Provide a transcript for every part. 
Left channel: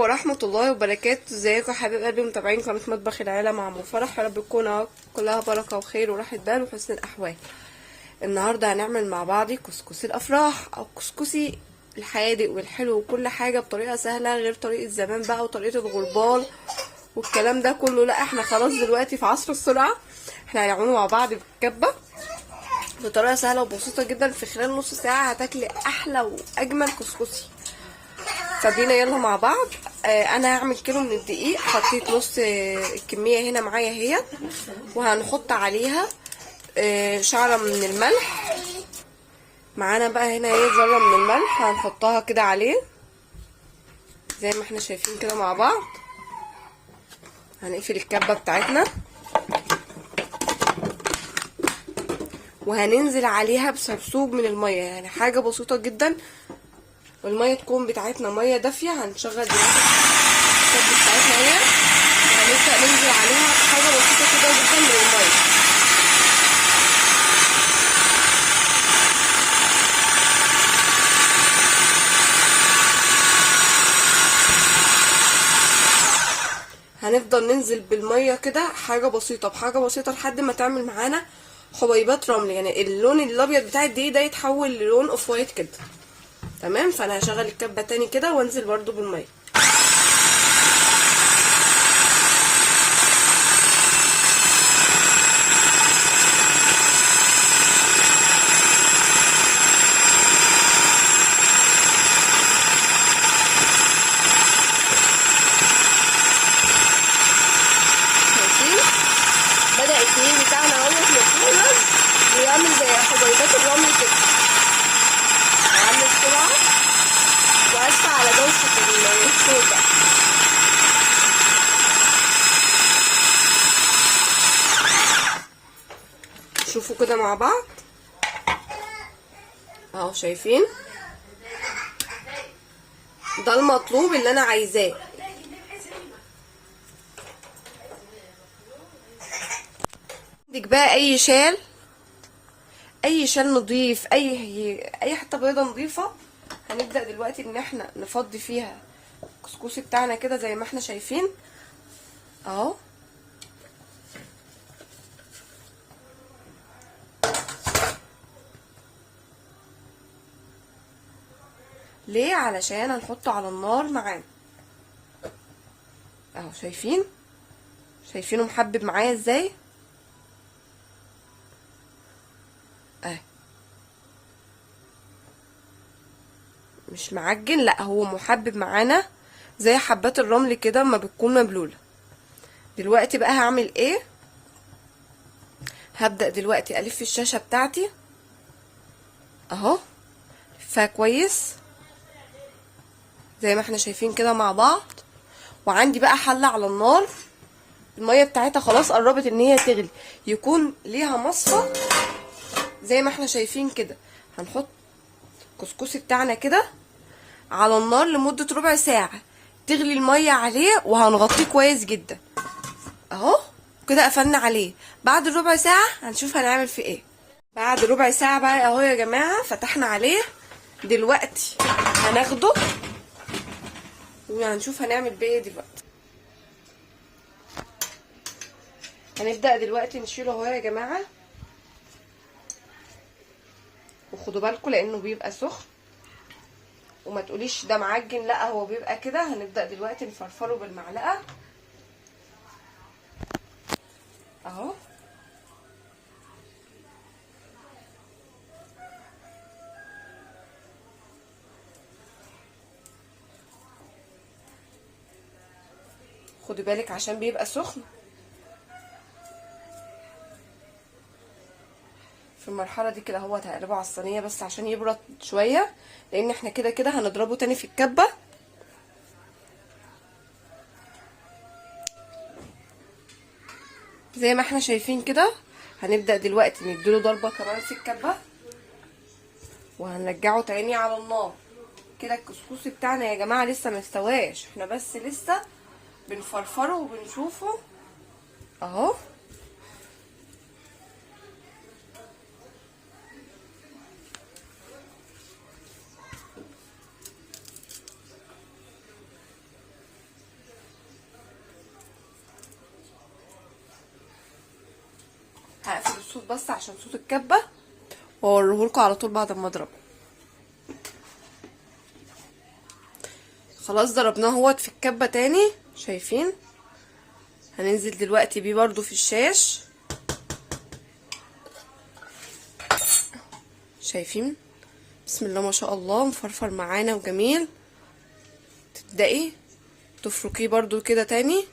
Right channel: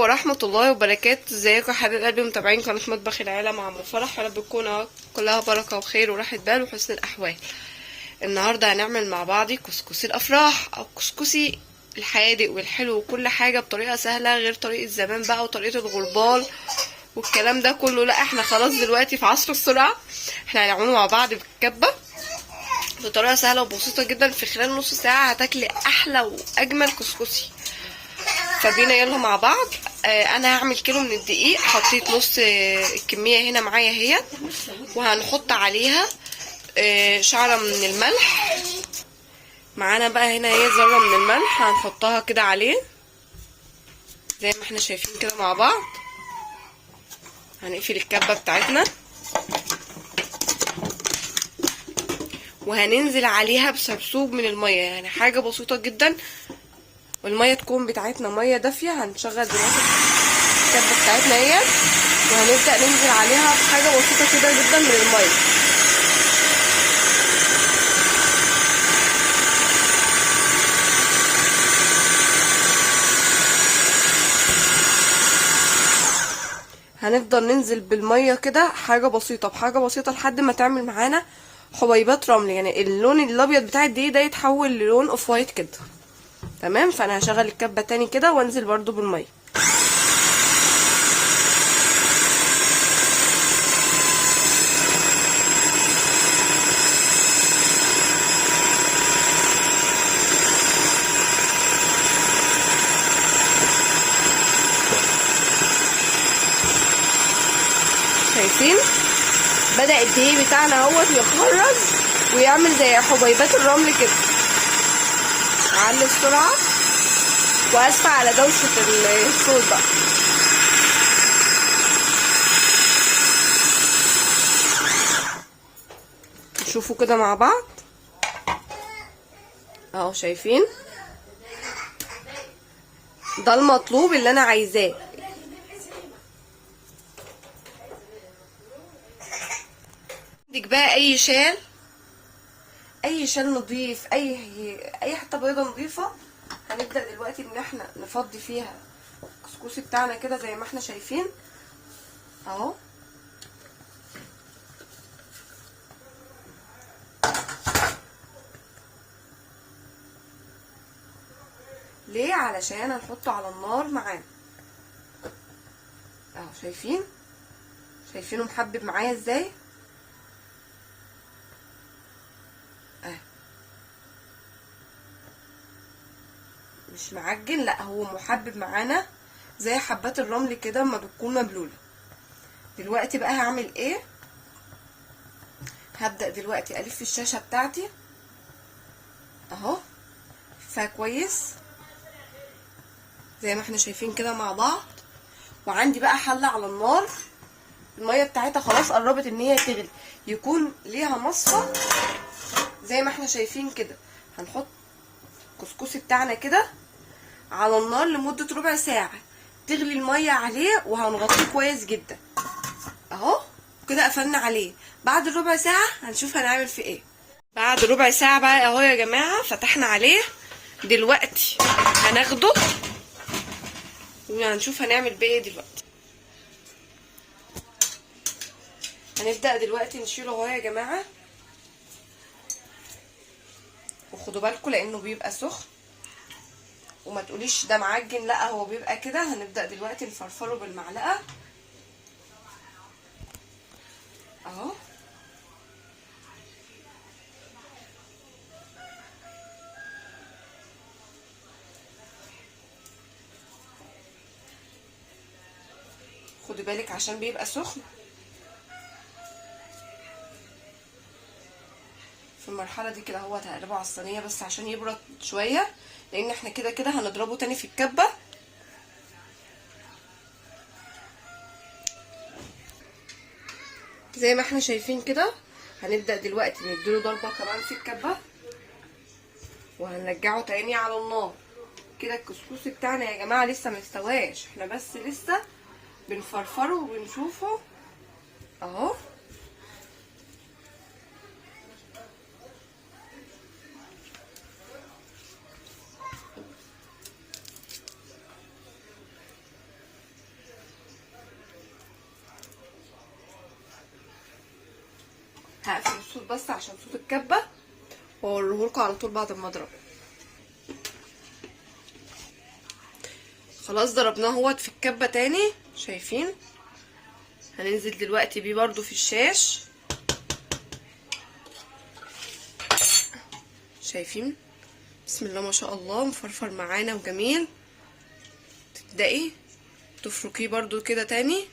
عليكم ورحمة الله وبركاته. ازيكم يا حبايب قلبي متابعين قناة مطبخ العيلة مع ام فرح؟ يا رب تكون كلها بركة وخير وراحة بال وحسن الأحوال. النهاردة هنعمل مع بعض كسكسي الأفراح أو كسكسي الحيادق والحلو وكل حاجة بطريقة سهلة غير طريقة زمان بقى وطريقة الغربال والكلام ده كله. لا، احنا خلاص دلوقتي في عصر السرعة. احنا هنعمله مع بعض بالكبة بطريقة سهلة وبسيطة جدا. في خلال نص ساعة هتاكلي أحلى وأجمل كسكسي. فبينا يلا مع بعض. انا هعمل كيلو من الدقيق، حطيت نص الكميه هنا معايا اهي، وهنحط عليها شعره من الملح. معانا بقى هنا اهي ذره من الملح هنحطها كده عليه زي ما احنا شايفين كده مع بعض. هنقفل الكبه بتاعتنا وهننزل عليها بسرسوب من الميه، يعني حاجه بسيطه جدا، والميه تكون بتاعتنا ميه دافيه. هنشغل دلوقتي الكبه بتاعتنا اهي وهنبدا ننزل عليها بحاجه بسيطه كده جدا من الميه. هنفضل ننزل بالميه كده حاجه بسيطه بحاجه بسيطه لحد ما تعمل معانا حبيبات رمل، يعني اللون الابيض بتاع الدقيق ده يتحول للون اوف وايت كده. تمام. فانا هشغل الكبه تاني كده وانزل برضو بالميه. شايفين بدأ الدقيق بتاعنا اهوت يتخرج ويعمل زي حبيبات الرمل كده. هعلي السرعة واسفة على دوشة الصوت بقى. شوفوا كده مع بعض اهو، شايفين ده المطلوب اللي انا عايزاه. عندك بقى اي شال نضيف، اي حته بيضه نضيفه، هنبدا دلوقتي ان احنا نفضي فيها الكسكسي بتاعنا كده زي ما احنا شايفين اهو. ليه؟ علشان هنحطه على النار معانا اهو. شايفينه محبب معايا ازاي اهي، مش معجن، لا هو محبب معانا زي حبات الرمل كده اما بتكون مبلوله. دلوقتي بقى هعمل ايه؟ هبدأ دلوقتي الف الشاشة بتاعتي اهو فكويس زي ما احنا شايفين كده مع بعض. وعندي بقى حلة على النار، المية بتاعتها خلاص قربت ان هي تغلي، يكون ليها مصفى زي ما احنا شايفين كده. هنحط الكسكسي بتاعنا كده على النار لمدة ربع ساعة، تغلي المية عليه وهنغطيه كويس جدا اهو كده. قفلنا عليه. بعد الربع ساعة هنشوف هنعمل فيه ايه. بعد ربع ساعة بقى اهو يا جماعة فتحنا عليه. دلوقتي هناخده وهنشوف هنعمل بيه ايه دلوقتي. هنبدأ دلوقتي نشيله اهو يا جماعة، وخدوا بالكم لانه بيبقى سخن وما تقوليش ده معجن، لا هو بيبقى كده. هنبدأ دلوقتي نفرفره بالمعلقة اهو. خدي بالك عشان بيبقى سخن. في المرحله دي كده هو هقلبه على الصينيه بس عشان يبرد شويه، لان احنا كده كده هنضربه تاني في الكبه. زي ما احنا شايفين كده. هنبدا دلوقتي نديله ضربه كمان في الكبه وهنرجعه تاني على النار. كده الكسكسي بتاعنا يا جماعه لسه ما استواش، احنا بس لسه بنفرفره وبنشوفه اهو. هقفل الصوت بس عشان صوت الكبه، واوريهولكوا على طول بعد ما اضربه. خلاص ضربناه اهوت في الكبه تاني، شايفين؟ هننزل دلوقتي بيه برضو في الشاش، شايفين؟ بسم الله ما شاء الله، مفرفر معانا وجميل. تبدأي تفركيه برضو كده تاني،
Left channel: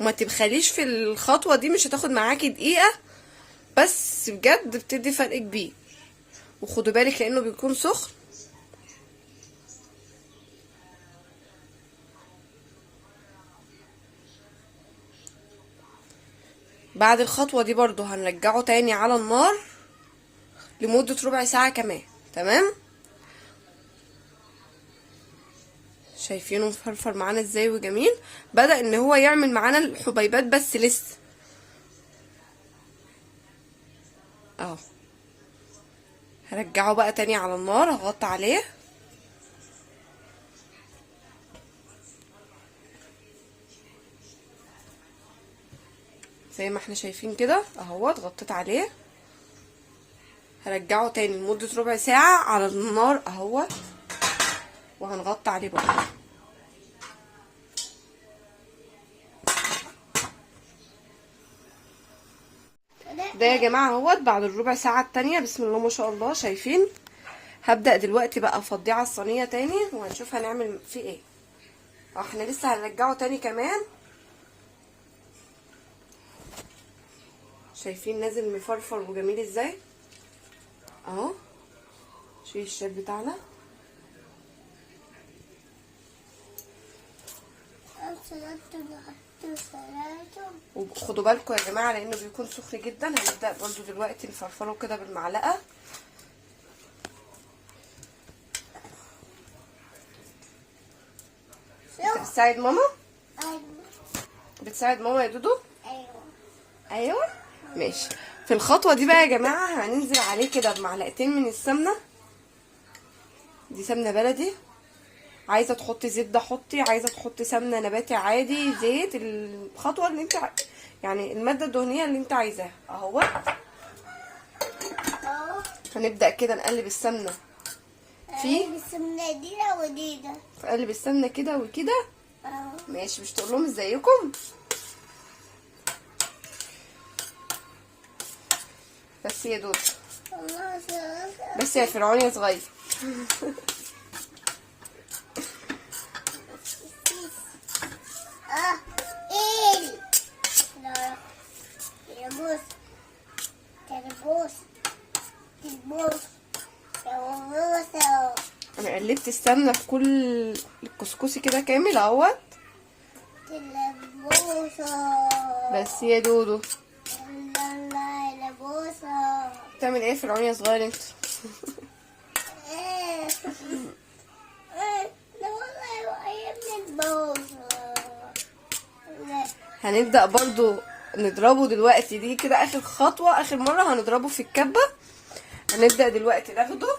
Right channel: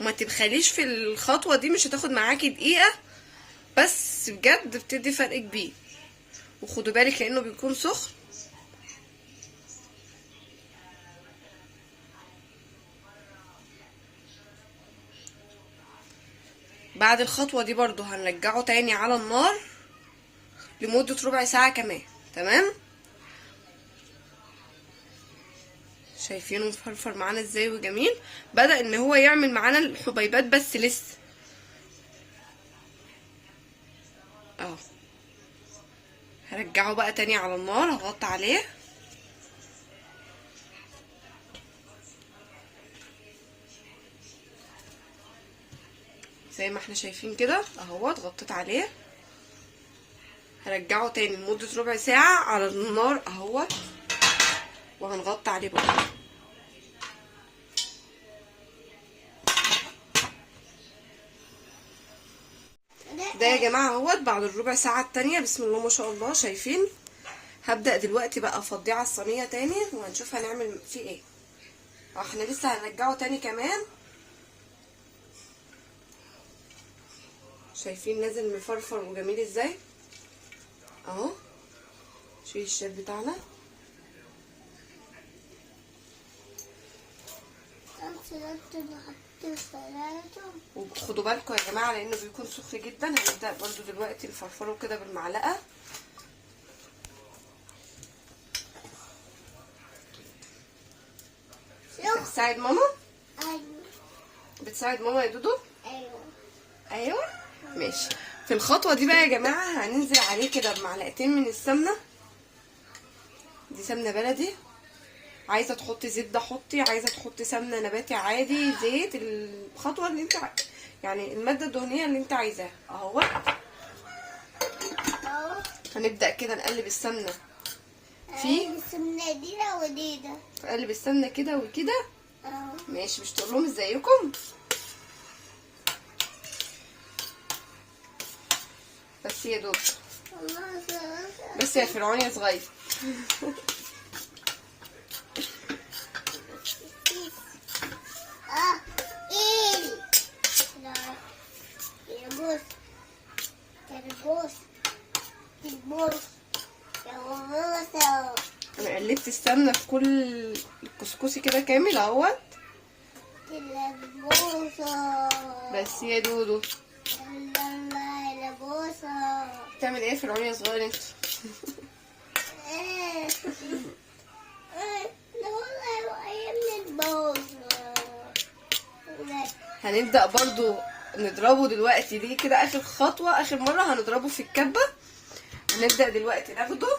وما تبخليش في الخطوة دي، مش هتاخد معاكي دقيقة بس بجد بتدي فرق كبير. وخدوا بالك لانه بيكون سخن. بعد الخطوة دي برضو هنرجعه تاني على النار لمدة ربع ساعة كمان. تمام؟ شايفينه مفرفر معانا ازاي وجميل؟ بدأ ان هو يعمل معانا الحبيبات بس لسه اهو. هرجعه بقى تاني على النار، هغطي عليه. زي ما احنا شايفين كده اهوت، غطيت عليه. هرجعه تاني لمدة ربع ساعة على النار اهوت، وهنغطي عليه بقى. ده يا جماعة اهوت بعد الربع ساعة التانية، بسم الله ما شاء الله. شايفين؟ هبدأ دلوقتي بقى افضيه على الصينية تاني، وهنشوف هنعمل فيه ايه. احنا لسه هنرجعه تاني كمان. شايفين نازل مفرفر وجميل ازاي اهو. شيل الشيف بتاعنا. وخدوا بالكم يا جماعه لانه بيكون سخن جدا. هنبدا برضو دلوقتي نفرفره كده بالمعلقه. انت بتساعد ماما؟ ايوه. بتساعد ماما يا دودو؟ ايوه. ايوه ماشي. في الخطوه دي بقى يا جماعه هننزل عليه كده بمعلقتين من السمنه. دي سمنه بلدي، عايزه تحطي زبده حطي، عايزه تحطي سمنه نباتي عادي، زيت، الخطوه اللي انت يعني الماده الدهنيه اللي انت عايزاها اهو. هنبدا كده نقلب السمنه في السمنه دي ودي ده، نقلب السمنه كده وكده. ماشي. مش تقول لهم ازيكم؟ بس يا دود، بس يا فرعون يا صغير. انا قلبت السمنه في كل الكسكسي كده كامل اهوت. بس يا دودو بتعمل ايه فرعون يا صغير انت؟ هنبدأ برضو نضربه دلوقتي. دي كده اخر خطوة، اخر مرة هنضربه في الكبة. هنبدأ دلوقتي ناخده،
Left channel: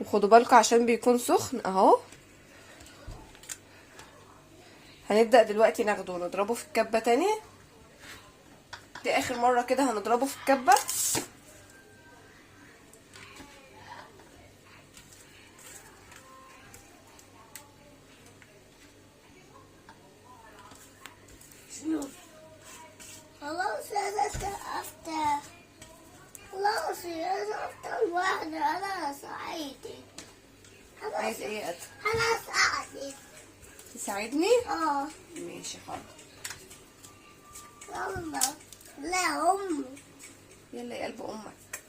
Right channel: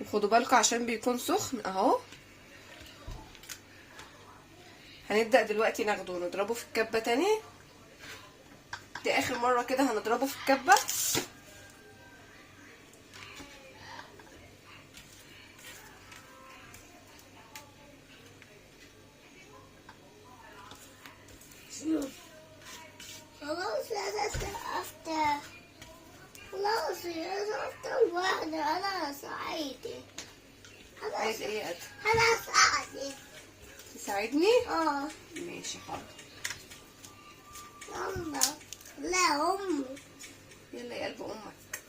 وخدوا بالكم عشان بيكون سخن اهو. هنبدأ دلوقتي ناخده ونضربه في الكبة تاني. دي اخر مرة كده هنضربه في الكبة. خلاص انا سقفت، خلاص انا سقفت الواحدة، انا سعيدة. عايز ايه يا قد؟ انا سعيدة. تساعدني؟ اه ماشي حاضر. يلا. لا امي. يلا يا قلب امك.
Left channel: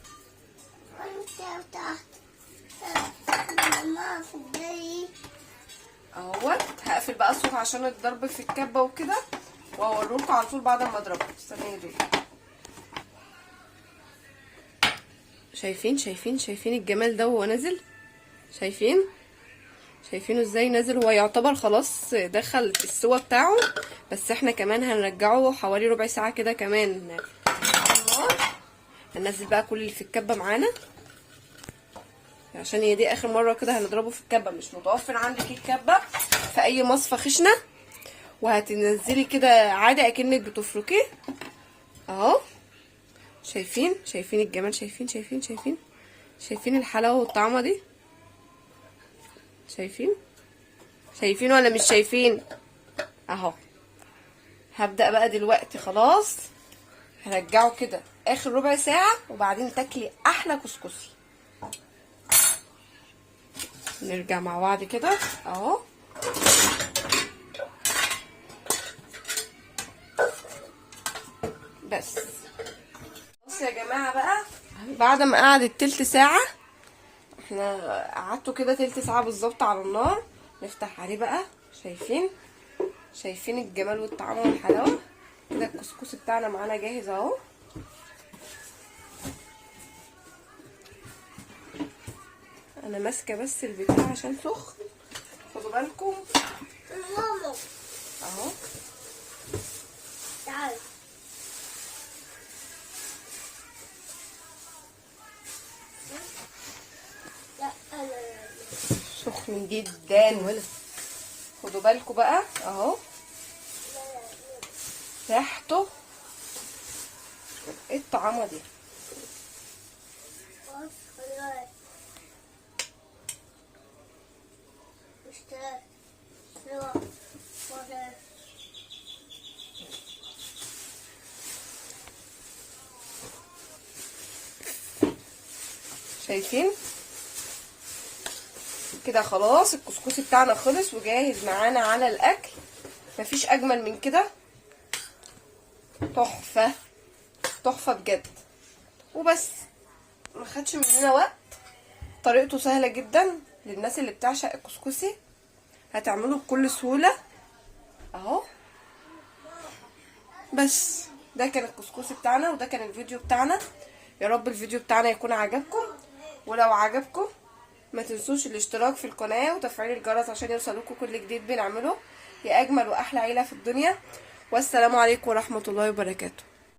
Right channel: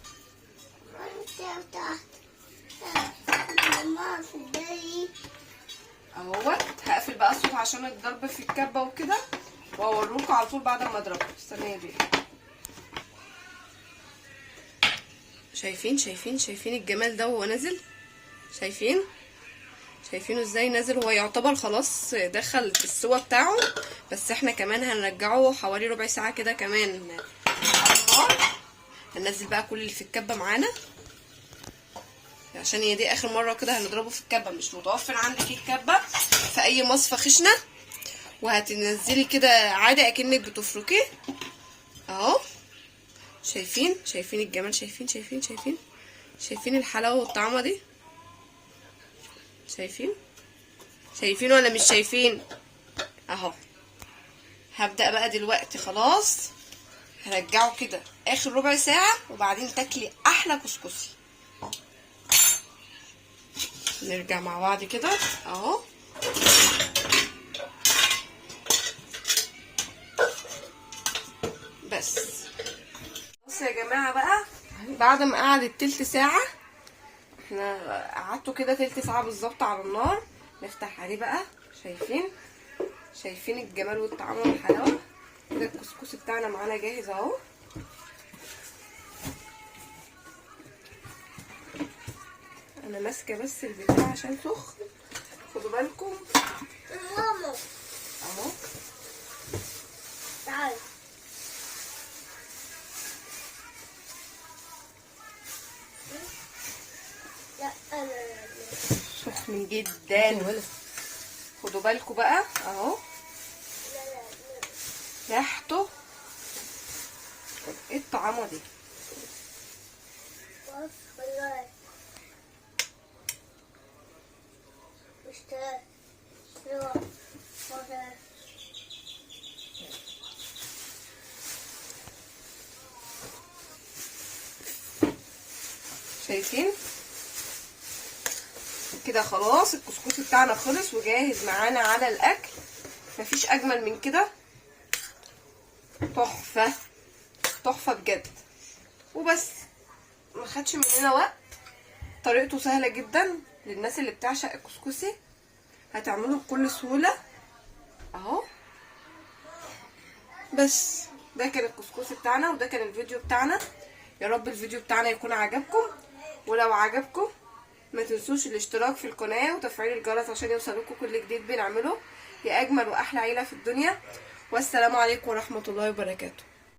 انت بتاعت ماما في الدري اهوت. هقفل بقى الصوت عشان الضرب في الكبه وكده، واوريكم على طول بعد ما اضربه. استنيه دي. شايفين الجمال ده وهو نازل؟ شايفينه ازاي نازل؟ هو يعتبر خلاص دخل في السوا بتاعه، بس احنا كمان هنرجعه حوالي ربع ساعه كده كمان على النار. هننزل بقى كل اللي في الكبه معانا، عشان هي دي اخر مره كده هنضربه في الكبه. مش متوفر عندك الكبه في اي مصفى خشنه، وهتنزلي كده عادي اكنك بتفركيه اهو. شايفين الجمال، شايفين الحلاوه والطعمه دي، شايفين ولا مش شايفين؟ اهو. هبدأ بقى دلوقتي خلاص، هرجعه كده اخر ربع ساعة وبعدين تاكلي احلى كسكسي. نرجع مع بعض كده اهو. بس يا جماعة بقى، بعد ما قعدت تلت ساعة، احنا قعدته كده تلت ساعة بالظبط على النار، نفتح عليه بقى. شايفين الجمال والطعام والحلاوة كده. الكسكسي بتاعنا معانا جاهز اهو. انا ماسكه بس البتاع عشان سخن، خدوا بالكم ماما اهو. تعال. لا انا سخن جدا، خدوا بالكم بقى اهو. ريحته ايه الطعامه دي. شايفين كده؟ خلاص الكسكسي بتاعنا خلص وجاهز معانا على الاكل. مفيش اجمل من كده، تحفه تحفه بجد. وبس، ما خدش مننا وقت، طريقته سهله جدا للناس اللي بتعشق الكسكسي، هتعمله بكل سهوله اهو. بس ده كان الكسكسي بتاعنا وده كان الفيديو بتاعنا. يا رب الفيديو بتاعنا يكون عجبكم، ولو عجبكم ما تنسوش الاشتراك في القناه وتفعيل الجرس عشان يوصلكم كل جديد بنعمله. يا اجمل واحلى عيله في الدنيا، والسلام عليكم ورحمه الله وبركاته.